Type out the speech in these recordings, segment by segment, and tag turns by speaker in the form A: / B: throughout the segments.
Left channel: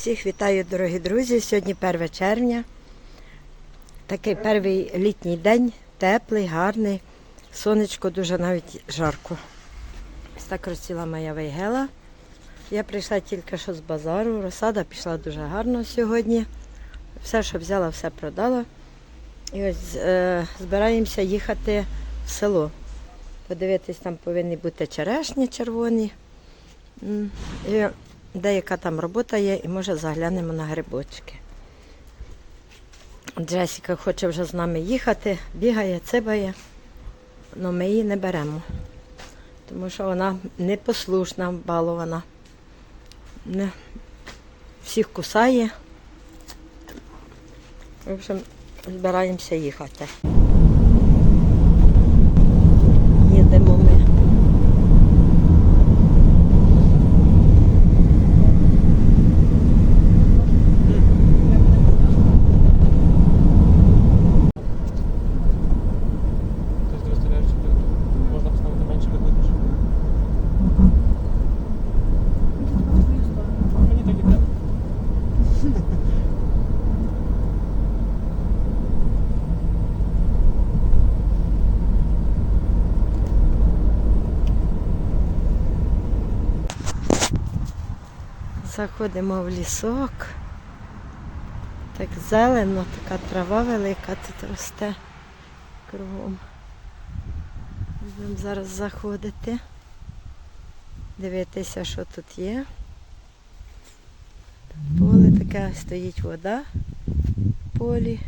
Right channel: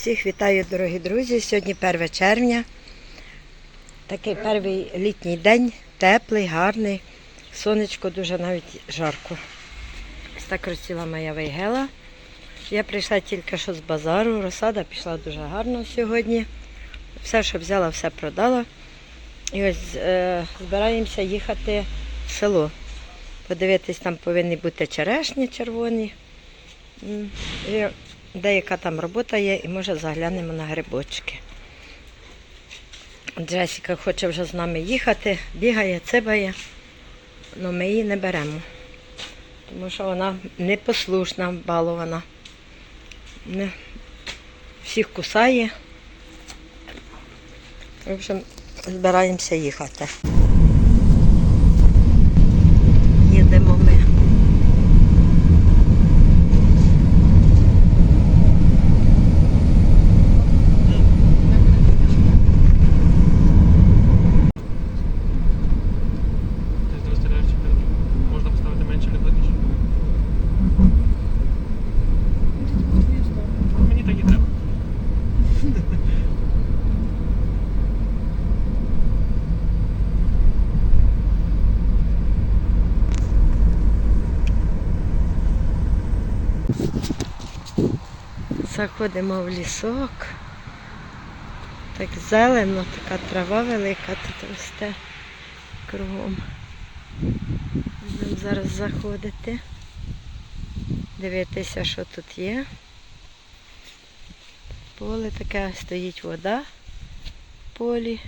A: Всіх вітаю, дорогі друзі. Сьогодні 1 червня. Такий перший літній день, теплий, гарний. Сонечко дуже навіть жарко. Ось так розціла моя вейгела. Я прийшла тільки що з базару. Розсада пішла дуже гарно сьогодні. Все, що взяла, все продала. І ось е, збираємося їхати в село. Подивитись, там повинні бути черешні червоні. І деяка там робота є, і може заглянемо на грибочки. Джесіка хоче вже з нами їхати, бігає, цибає, але ми її не беремо. Тому що вона непослушна, балована. Не, всіх кусає. В общем, збираємося їхати. Їдемо ми.
B: Тобто ти розстріляєш чотири. Можна поставити менше або більше. Мені так і треба.
A: Заходимо в лісок. Так зелено, така трава велика тут росте кругом. Будемо зараз заходити, дивитися, що тут є. Поле таке, стоїть вода в полі,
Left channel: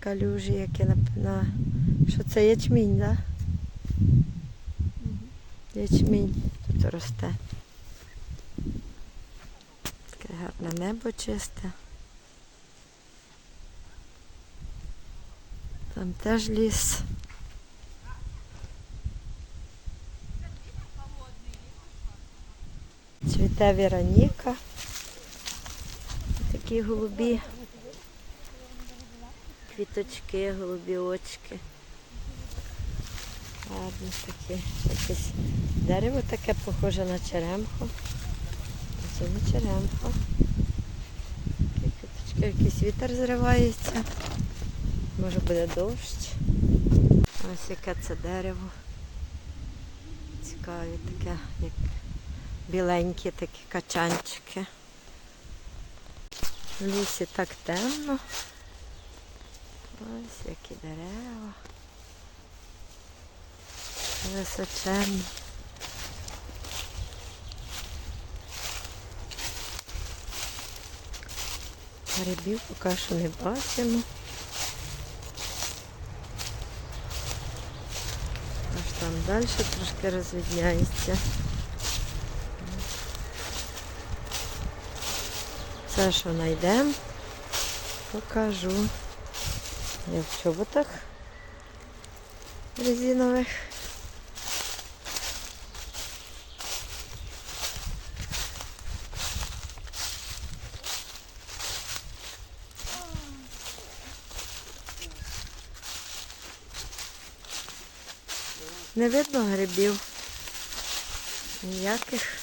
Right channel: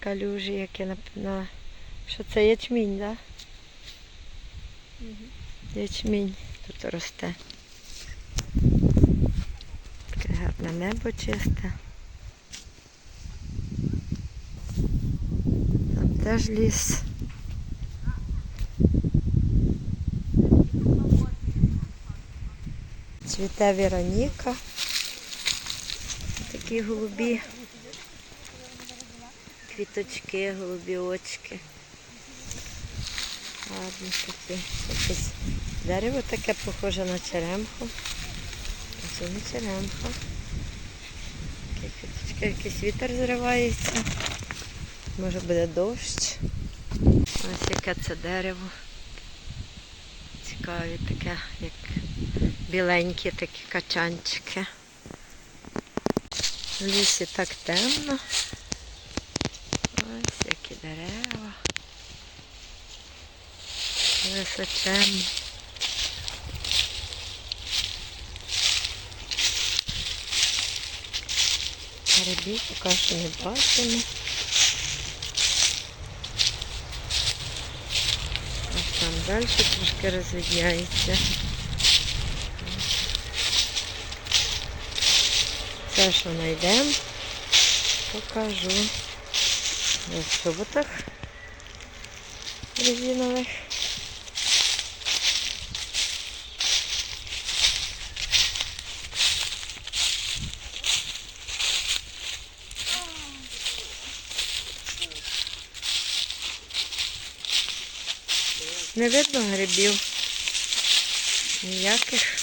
A: калюжі, які на, на... що це ячмінь, так? Да? Ячмінь тут росте. Таке гарне небо чисте. Там теж ліс. Цвіте Вероніка. Такі голубі квіточки, голубі очки. Гарні такі. Дерево таке похоже на черемху. А Це не квіточки, якийсь вітер зривається. Може буде дощ. Ось яке це дерево. Цікаві таке, як біленькі такі качанчики. В лісі так темно. Ось які дерева. Височенні. Грибів поки що не бачимо. Ось там далі трошки розвідняється. Це, що знайдемо, покажу. Я в чоботах резинових. Не видно грибів. Ніяких.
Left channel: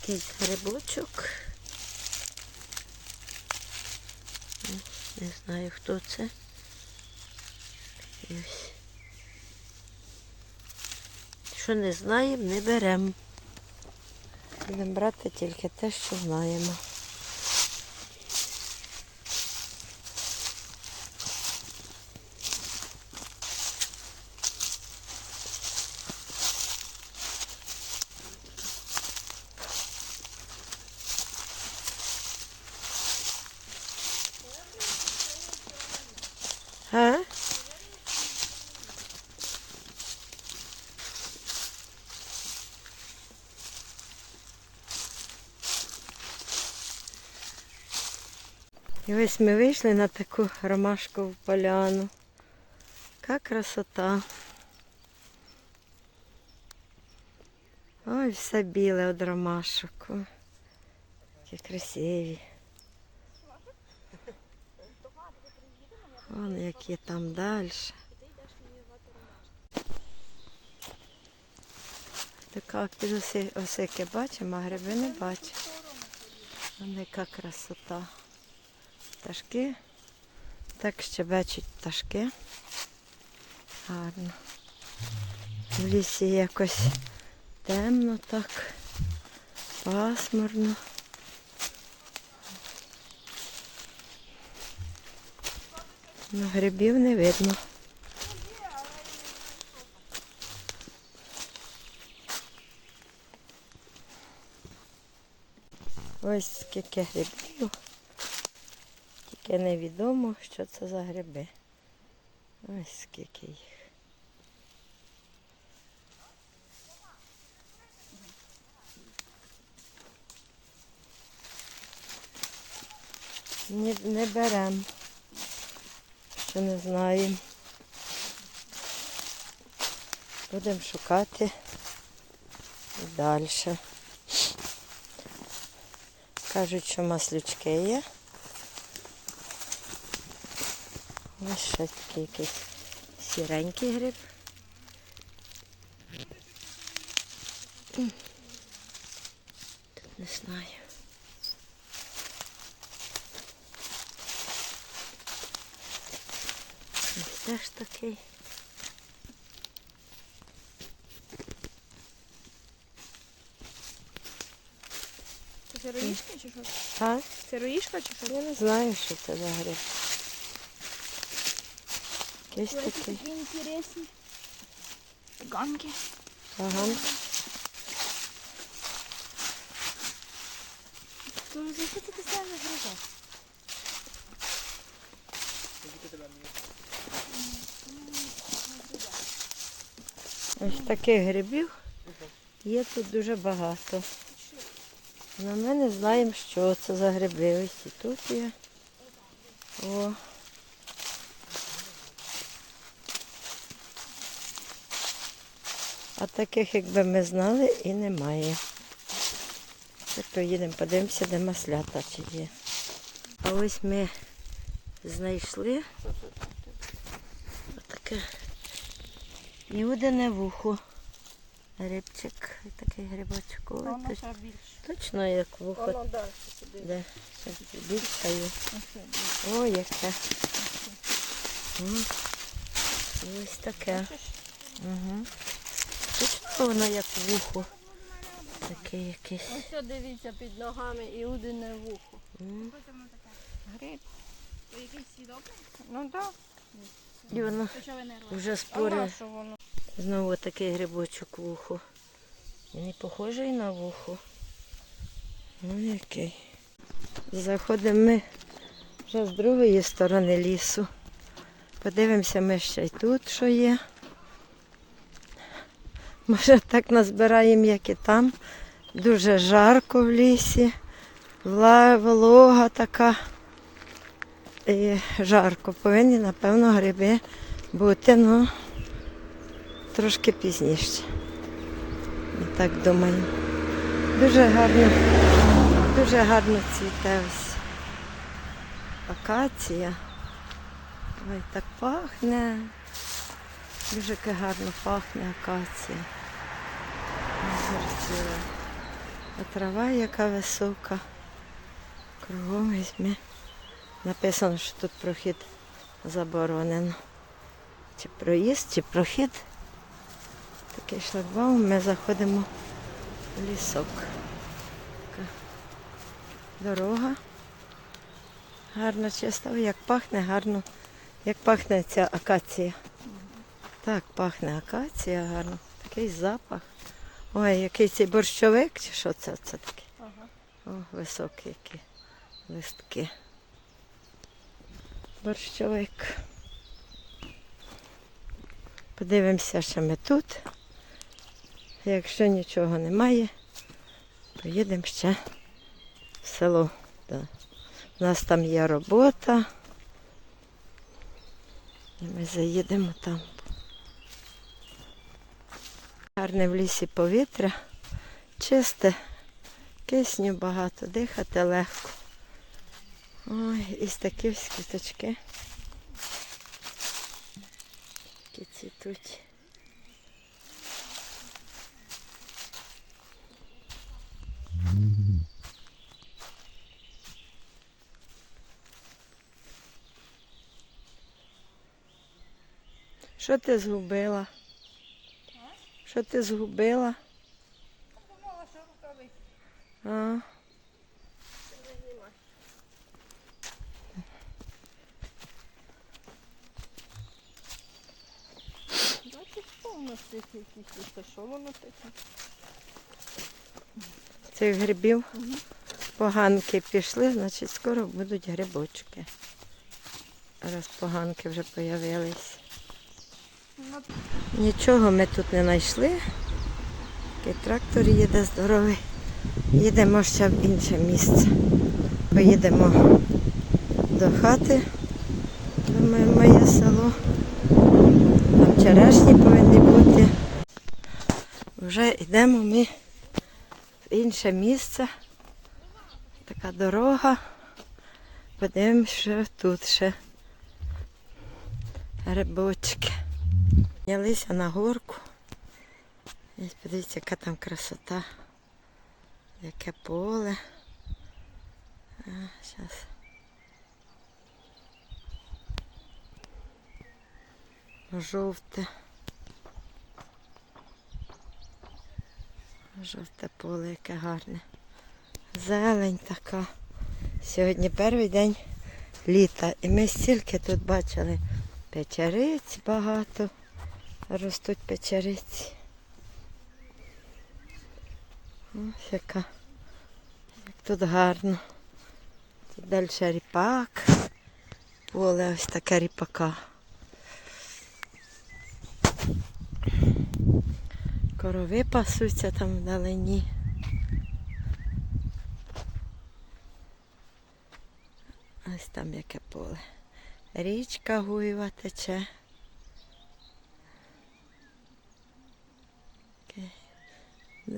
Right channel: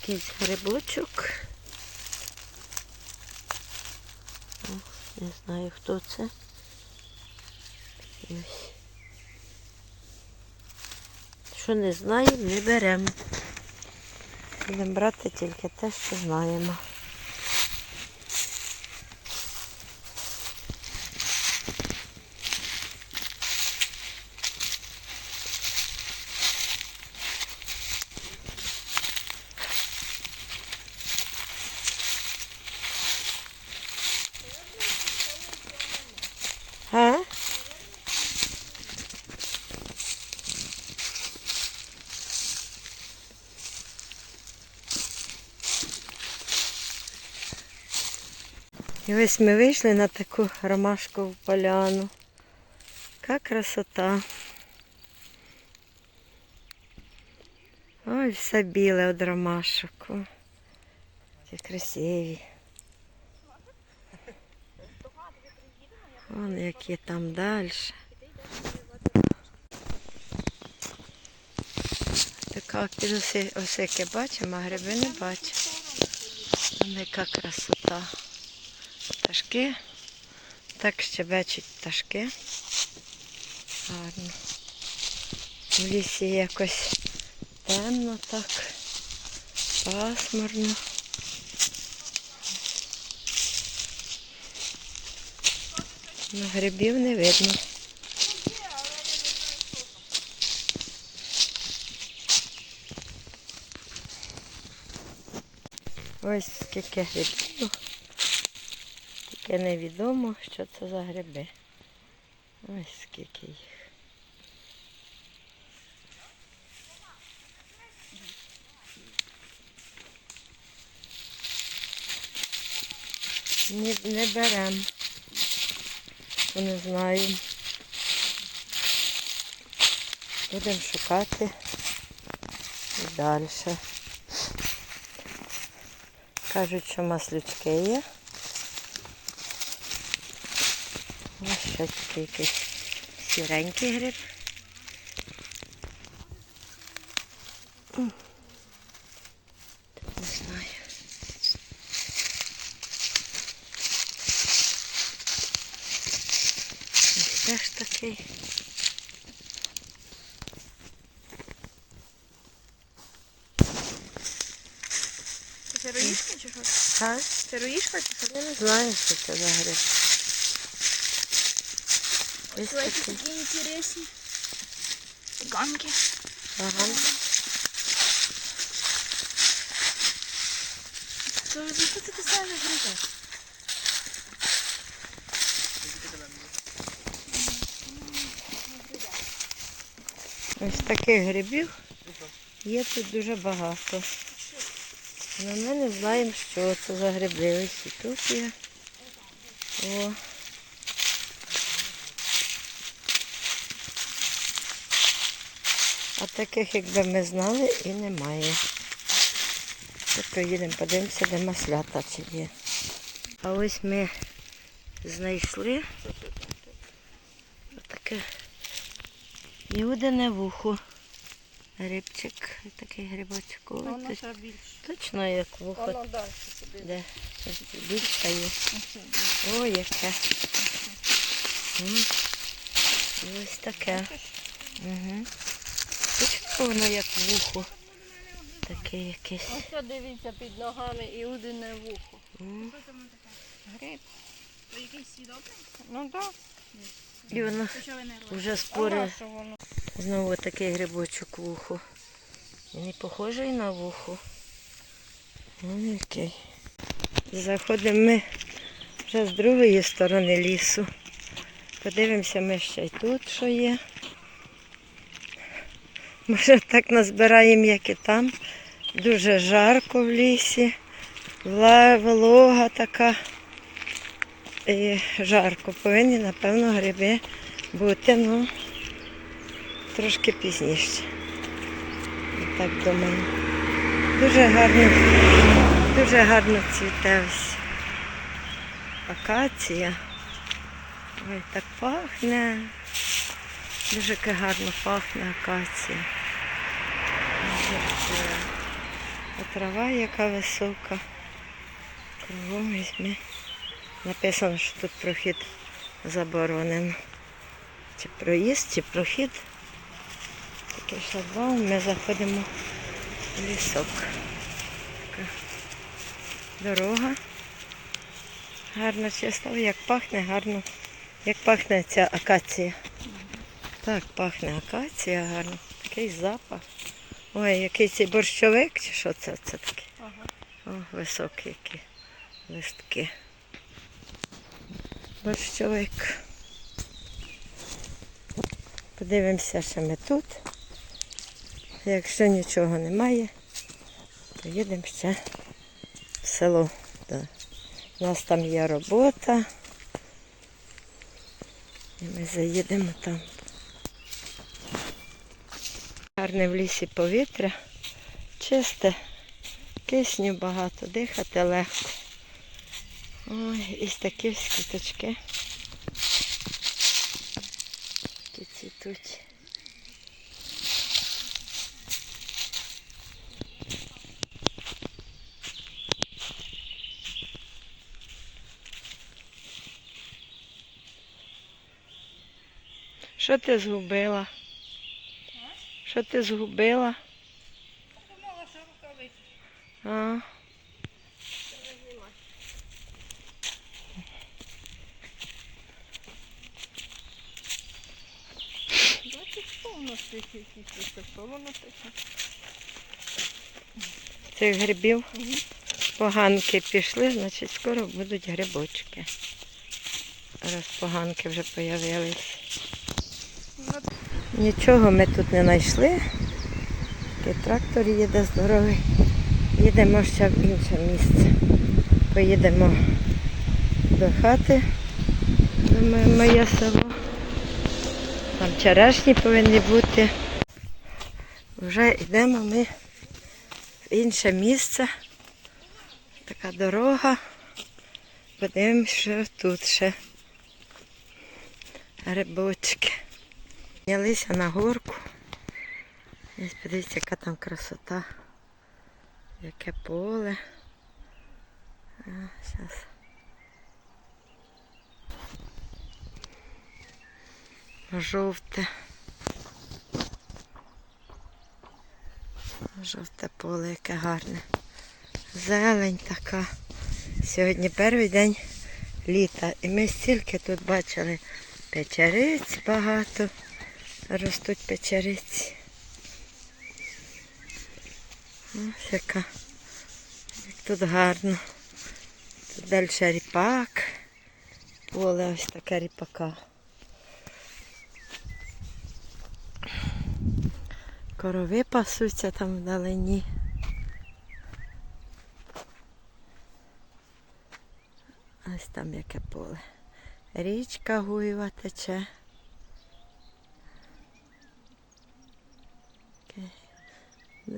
A: Якийсь грибочок. О, не знаю хто це. Ось. Що не знаємо, не беремо. Будемо брати тільки те, що знаємо. І ось ми вийшли на таку ромашкову поляну. Яка красота. Ой, все біле од ромашок. Ті красиві. Вон які там далі. Така під осики бачимо, а гриби не бачимо. Вон яка красота. Пташки. Так щебечуть пташки. Гарно. В лісі якось темно так, пасмурно. Ну, грибів не видно. Ось скільки грибів. Тільки невідомо, що це за гриби. Ось скільки їх. Не, не беремо. Бо не знаємо. Будемо шукати і далі. Кажуть, що маслючки є. Ось ще такий якийсь сіренький гриб. Тут не знаю. Ось теж такий.
C: Це сироїшка чи що?
A: А?
C: Сироїшка чи що?
A: Я не знаю, що це за гриб. Ось
C: Ой,
A: такий.
C: такі інтересні. Ганки.
A: Ага.
C: Це що це саме гриби?
A: Ось таких грибів є тут дуже багато. Але ми не знаємо, що це за гриби. Ось і тут є. О. А таких, якби ми знали, і немає. Ще проїдемо, подивимося, де маслята чи є. А ось ми знайшли отаке Іудине вухо. Грибчик, такий грибочок. Точ- точно як вухо. Де? Більше є. О, яке. І ось таке. Угу. Воно як вухо. Таке якесь.
C: Ось дивіться під ногами іудине вухо.
A: М.
C: Гриб. То якийсь сідобний? Ну так.
A: І воно вже спори. Знову такий грибочок вухо. Він не похожий на вухо. Він який. Заходимо ми вже з другої сторони лісу. Подивимося ми ще й тут, що є. Може так назбираємо, як і там. Дуже жарко в лісі. Волога така. І жарко. Повинні, напевно, гриби бути, ну, трошки пізніше. Так думаю. Дуже гарно, дуже гарно цвіте ось акація. Ой, так пахне. Дуже гарно пахне акація. Е, А трава яка висока. Кругом візьми. Написано, що тут прохід заборонено. Чи проїзд, чи прохід. Такий шлагбаум, ми заходимо в лісок. Така дорога. Гарно чиста, як пахне гарно. Як пахне ця акація. Так, пахне акація гарно. Такий запах. Ой, який цей борщовик, чи що це, це таке? О, високі які листки. Борщовик. Подивимося, що ми тут. Якщо нічого немає, то їдемо ще в село. Да. У нас там є робота. І ми заїдемо там гарне в лісі повітря, чисте, кисню багато, дихати легко. Ой, і такі скіточки Такі цвітуть. Що ти згубила? Що ти згубила?
C: Думала, що рукавиці.
A: А?
C: Цих
A: грибів поганки пішли, значить скоро будуть грибочки. Раз поганки вже появились. Нічого ми тут не знайшли. Такий трактор їде здоровий. Їдемо ще в інше місце. Поїдемо до хати, до моє, село. Там черешні повинні бути. Вже йдемо ми в інше місце. Така дорога. Подивимось, що тут ще грибочки. Піднялися на горку. Подивіться, яка там красота. Яке поле. А, зараз. Жовте. Жовте поле, яке гарне. Зелень така. Сьогодні перший день літа. І ми стільки тут бачили печериць багато. Ростуть печериці. Ось яка. Як тут гарно. Тут далі ріпак. Поле ось таке ріпака. Корови пасуться там вдалині. Ось там яке поле. Річка Гуєва тече.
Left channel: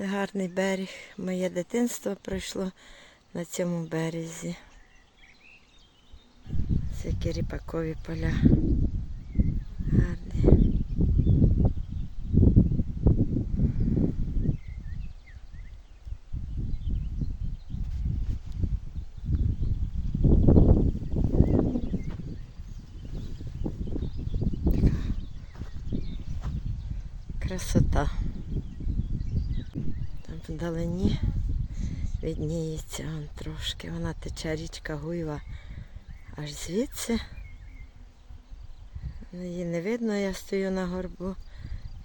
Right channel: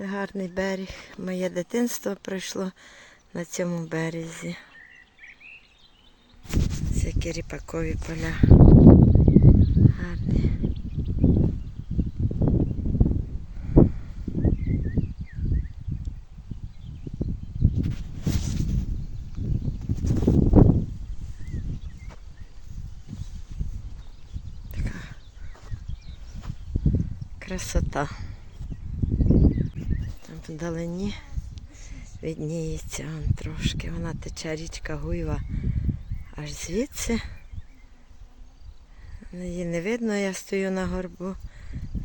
A: Гарний берег. Моє дитинство пройшло на цьому березі. Це ріпакові поля. Гарні. Красота. Вдалині відніється трошки. Вона тече річка Гуйва аж звідси. Її не видно, я стою на горбу.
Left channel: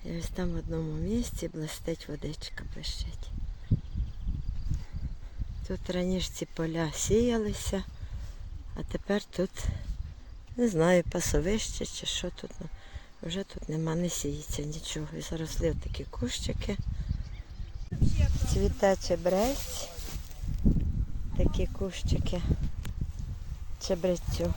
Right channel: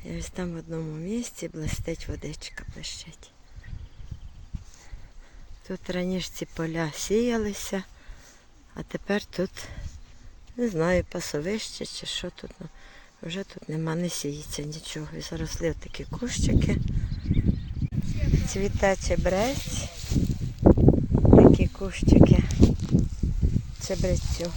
A: І ось там в одному місці блистить водичка, блищить. Тут раніше ці поля сіялися, а тепер тут, не знаю, пасовище чи що тут. Ну, вже тут нема, не сіється нічого. І заросли такі кущики. Цвіте чебрець. Такі кущики. Чебрецю.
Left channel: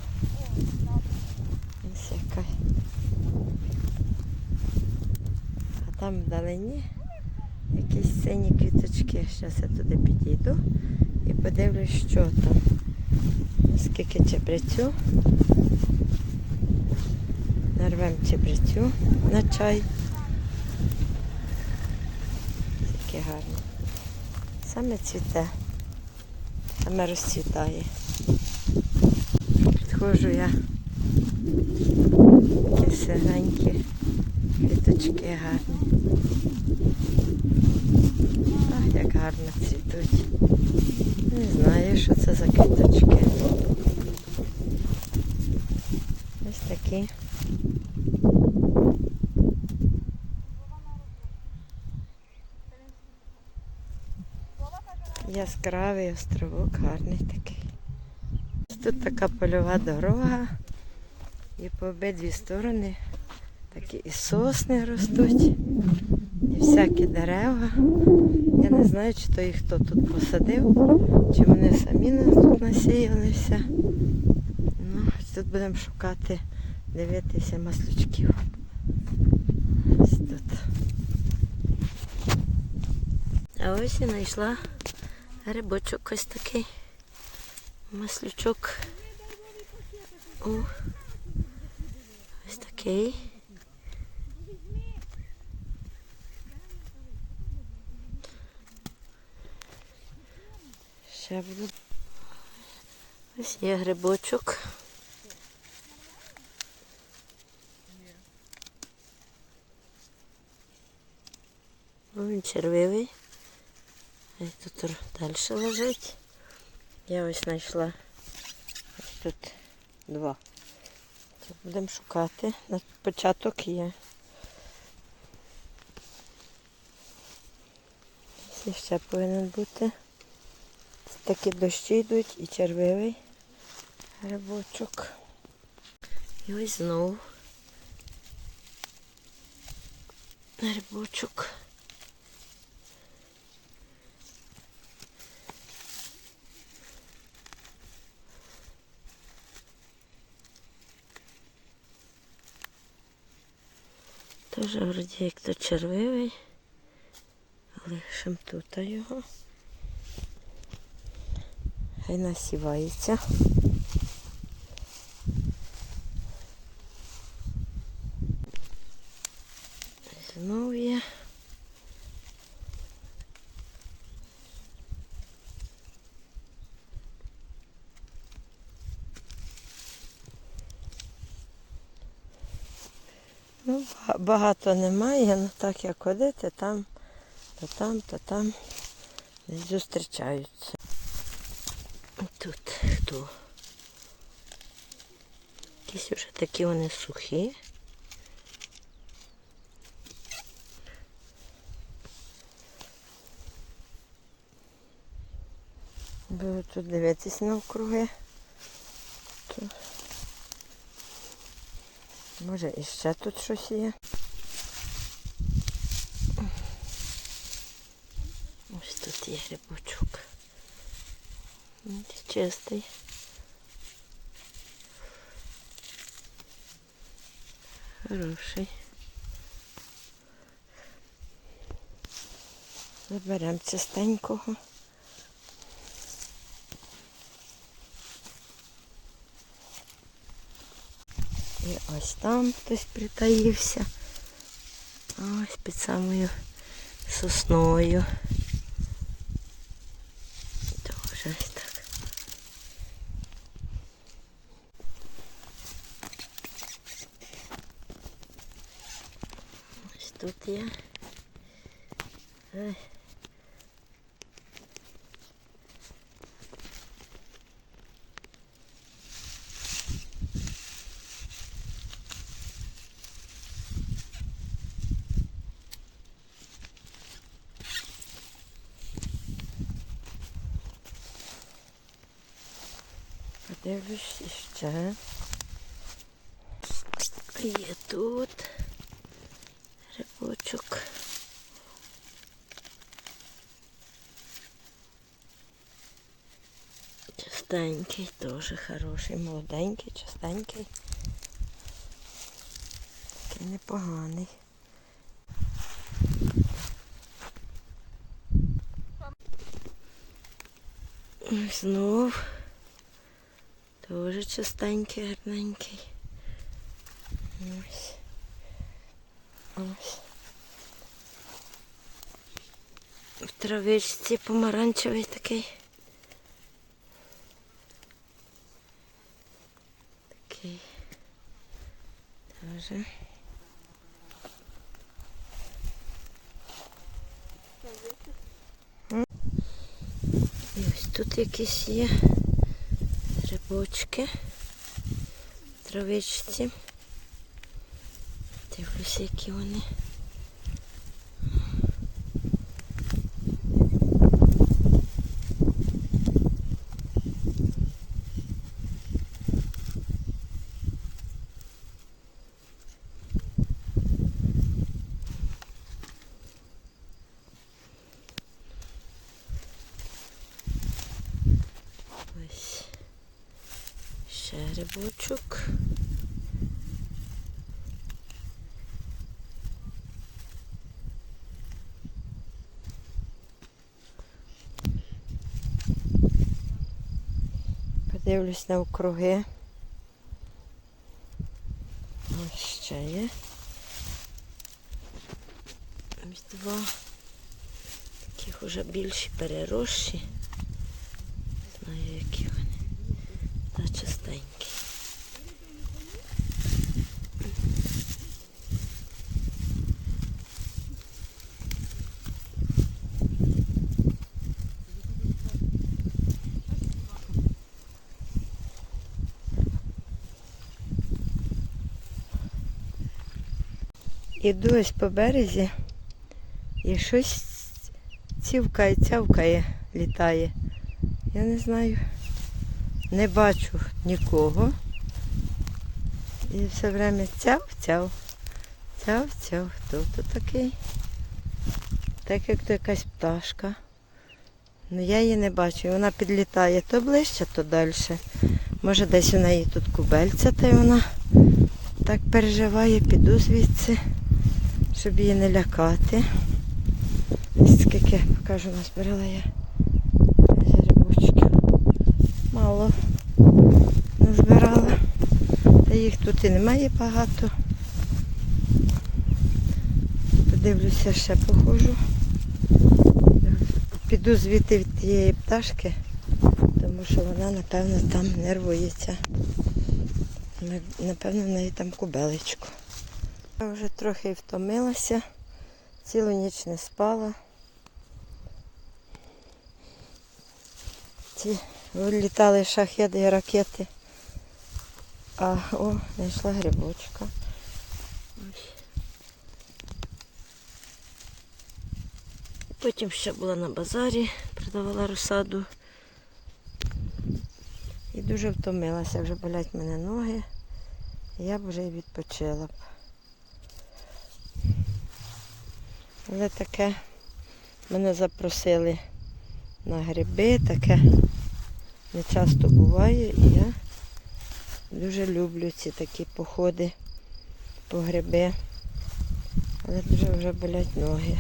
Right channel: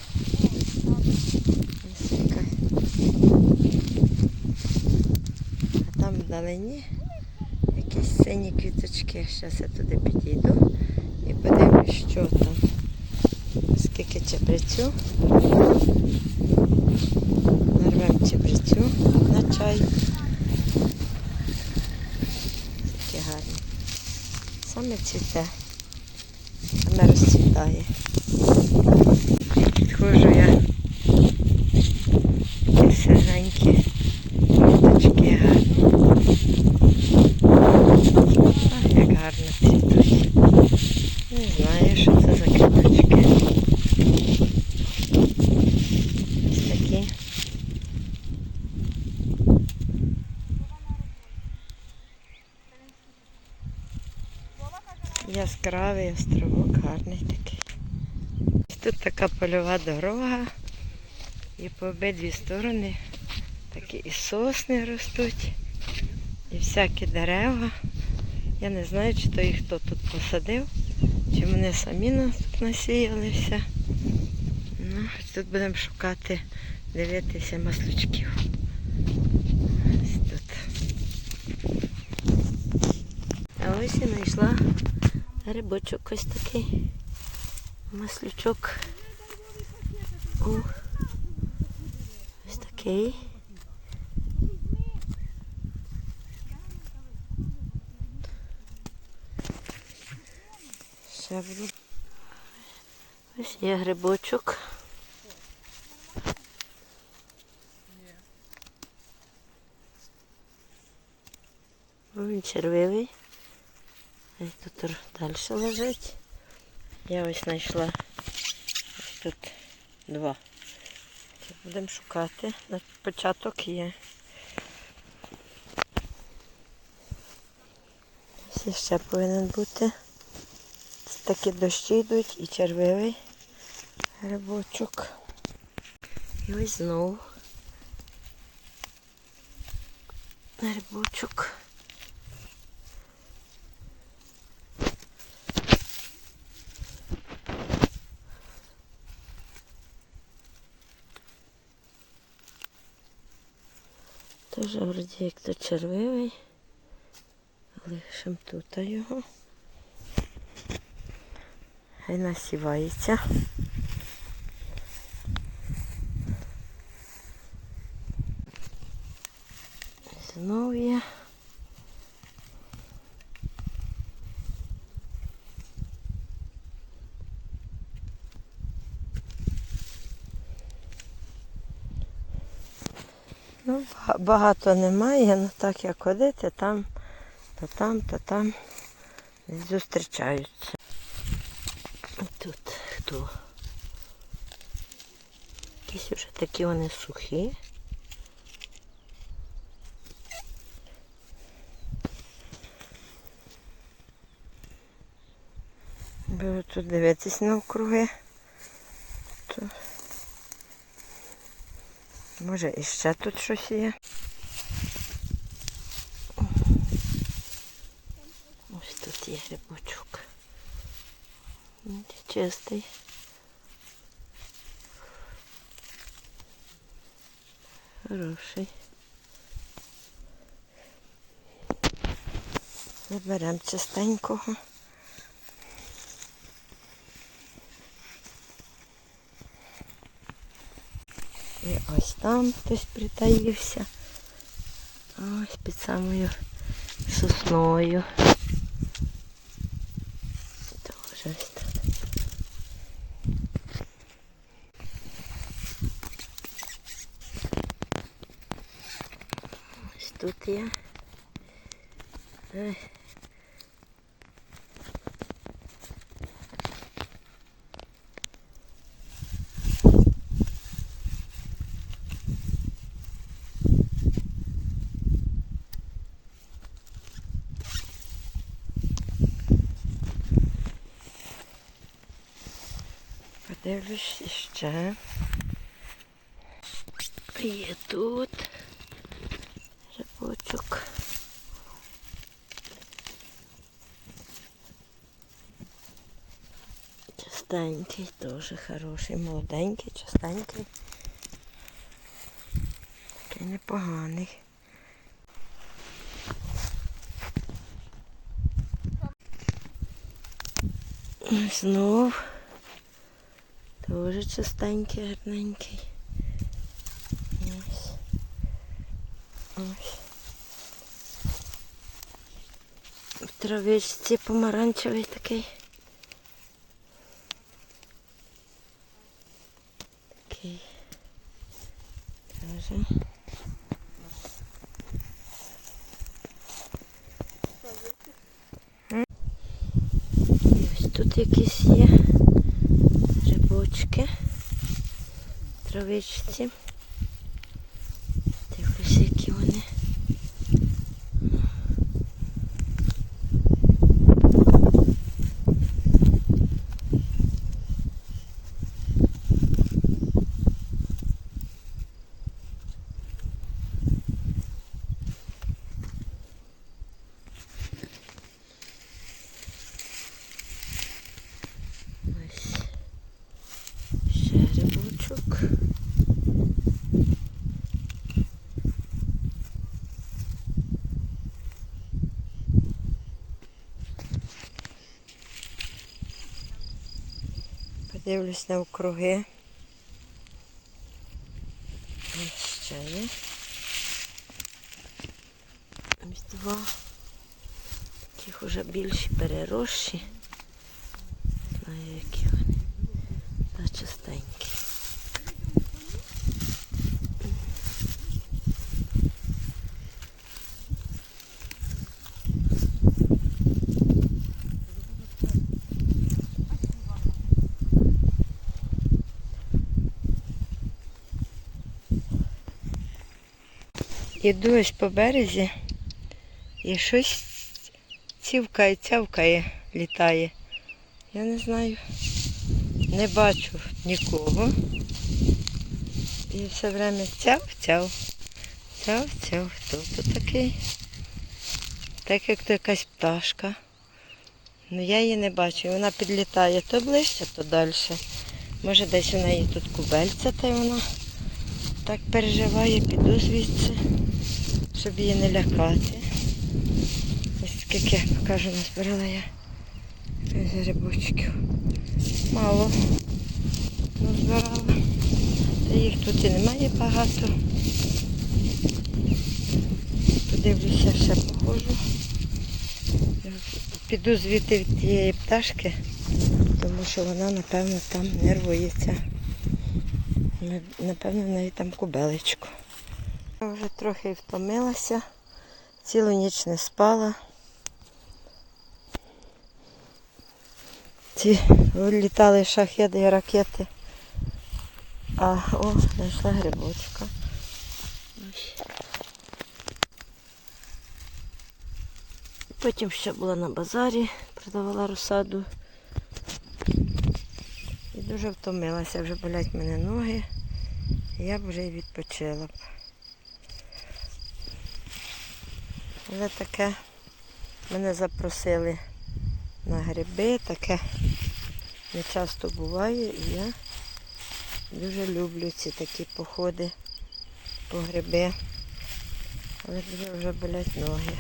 A: А там вдалині якісь сині квіточки. Зараз я туди підійду і подивлюсь, що там. Скільки чебрецю. Нарвемо чебрецю на чай. Такі гарні. Саме цвіте, саме розцвітає. Підходжу я. Такі сиренькі квіточки гарні. Ах, як гарно цвітуть. Не знаю, що це за квіточки. Ось такі. Яскравий островок, гарний такий. Тут така польова дорога. І по обидві сторони такі і сосни ростуть, і всякі дерева. Я не знаю, чи то їх хто тут посадив, чи вони самі нас тут насіялися. Ну, тут будемо шукати, дивитися маслючків. Ось тут. А ось і знайшла Грибочок ось такий. Маслючок. О, ось такий. Ось є грибочок. Він червивий. Тут далі лежить. Я ось знайшла тут два. Будемо шукати. На початок є. Ось ще повинен бути. Такі дощі йдуть і червивий грибочок. І ось знову грибочок. Теж вроді як то червивий. Лишимо тут його. Хай насівається. Знову є. Багато немає, ну так як ходити, там, то там, то там зустрічаються. Тут хто? Якісь вже такі вони сухі. Буду тут дивитись навкруги. Може і ще тут щось є. Ось тут є грибочок. Чистий. Хороший. Заберемо чистенького. ось там хтось притаївся. Ось під самою сосною. Тоже ось так. Ось тут є. Ой. Подивлюсь ще. Є тут рибочок. Чистенький, дуже хороший, молоденький, чистенький. Такий непоганий. Ось Знов. Дуже чистенький, гарненький. Ось. Ось. В травичці помаранчевий такий. Такий. Тоже. І ось тут якісь є грибочки в травичці. Дивлюся, які вони. Ось ще грибочок. Подивлюсь навкруги. Ось ще є. Ось два. Таких уже більші переросші. Не знаю, які вони. Та чистенькі. Іду ось по березі і щось цівкає, цявкає, літає. Я не знаю, не бачу нікого. І все время цяв, цяв, цяв, цяв. Хто тут такий? Так як то якась пташка. Ну я її не бачу. Вона підлітає то ближче, то далі. Може десь у неї тут кубельця, та й вона так переживає, піду звідси, щоб її не лякати. І Скільки, покажу, назбирала я грибочків. Мало назбирала. Та їх тут і немає багато. Подивлюся, ще походжу. Піду звідти від тієї пташки, тому що вона, напевно, там нервується. На- Напевно, в неї там кубелечко. Я вже трохи втомилася, цілу ніч не спала. Ці літали шахеди і ракети. А о, знайшла грибочка. Потім ще була на базарі, продавала розсаду. І дуже втомилася, вже болять мене ноги. Я б вже і відпочила б. Але таке мене запросили на гриби, таке не часто буває. І я дуже люблю ці такі походи по гриби. Але дуже вже болять ноги.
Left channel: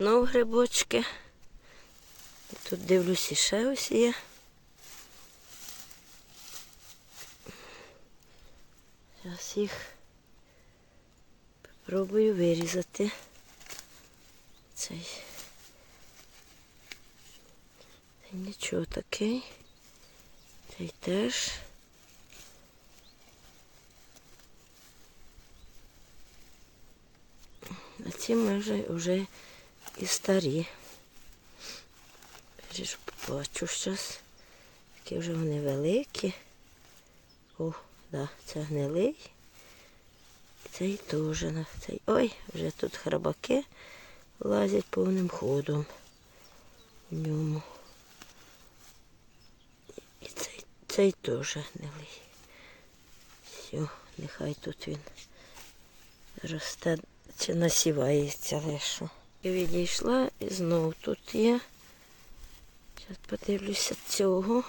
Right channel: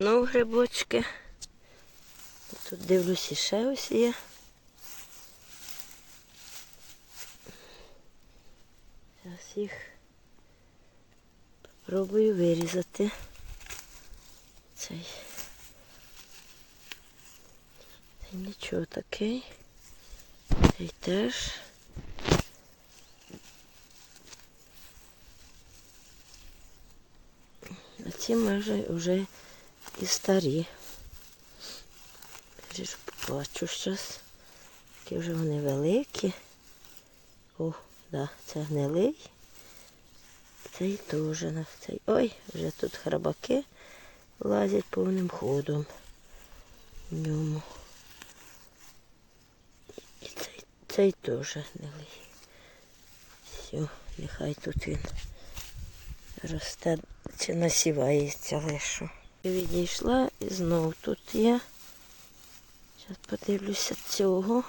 A: Знову грибочки. Тут дивлюсь і ще ось є. Зараз їх спробую вирізати. Цей. Цей нічого такий. Цей теж. А ці може вже і старі. Я ж побачу щось. Такі вже вони великі. О, да, це гнилий. Цей теж. на- Цей. Ой, вже тут храбаки лазять повним ходом в ньому. І цей, цей теж гнилий. Все, нехай тут він росте чи насівається лише. І відійшла і знов тут є. Зараз подивлюся цього.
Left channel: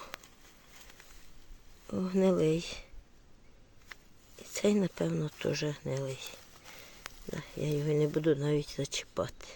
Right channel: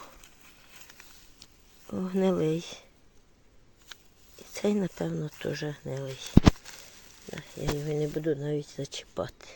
A: О, гнилий. Цей, напевно, теж гнилий. Я його не буду навіть зачіпати.